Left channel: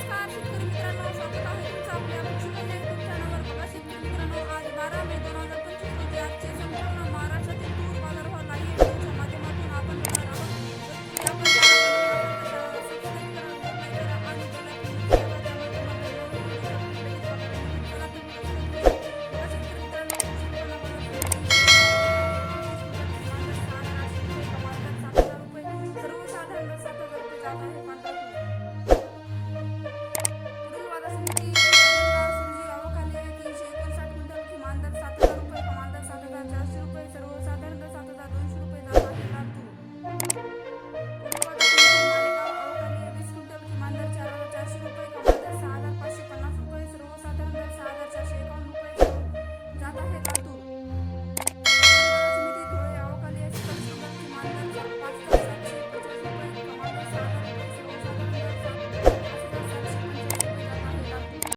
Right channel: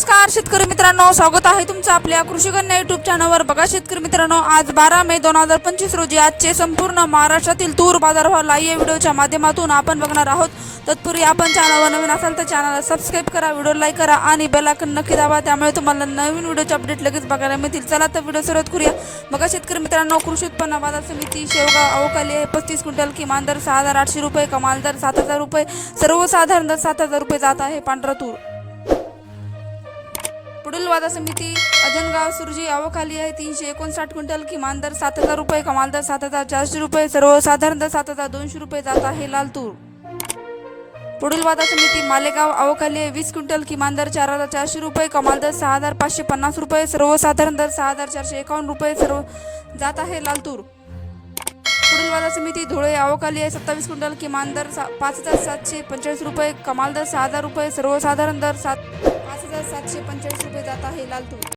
नमस्कार शेतकरी मित्रांनो. स्वागत आहे तुमचं आपल्या कृषीकन्या युट्यूब चॅनलवर बघा शेतकरी मित्रांनो आज बारा मे दोन हजार पंचवीस रोजी आजचे संपूर्ण महाराष्ट्रातील तूर बाजारभाव लाईव्ह व्हिडिओच्या माध्यमातून आपण बघणार आहोत. तत्पूर्वी आपण चॅनलवर नवीन असाल तर चॅनलला सबस्क्राईब करा व्हिडिओ लाईक करा आणि बेल आयकॉन नक्की दाबा. त्यामुळे तुम्हाला नवीन व्हिडिओचे अपडेट लगेच बघायला मिळतील. चला तर व्हिडिओ सुरुवात करूया. बघा शेतकरी मित्रांनो कृषी उत्पन्न बाजार समिती शेवगाव अवकाली आहे. पस्तीस क्विंटल किमान दर सहा हजार आठशे रुपये कमाल दर सात हजार रुपये. सर्वसाधारण दर सात हजार रुपये जात आहे पांढरा तूर. पुढील वादा समिती अजनगाव सुरजी अवखाली आहे. तीनशे एकोणसाठ क्विंटल किमान दर सात हजार रुपये कमाल दर सात हजार चारशे रुपये सर्वसाधारण दर सात हजार दोनशे रुपये जात आहे लाल तूर. पुढील वादा समिती मालेगाव अवखाली आहे. वीस क्विंटल किमान दर चार हजार चारशे रुपये कमाल दर सहा हजार पाचशे पन्नास रुपये सर्वसाधारण दर सहा हजार चारशे एकावन्न रुपये सर्व जात आहे लालतूर तूर धुळे आवकाली आहे. सत्तावीस क्विंटल किमान दर सा पाच हजार सातशे पंचेचाळीस रुपये कमाल दर सहा हजार रुपये सर्वसाधारण दर सात पाच हजार सातशे पंचेचाळीस रुपये जात आहे लाल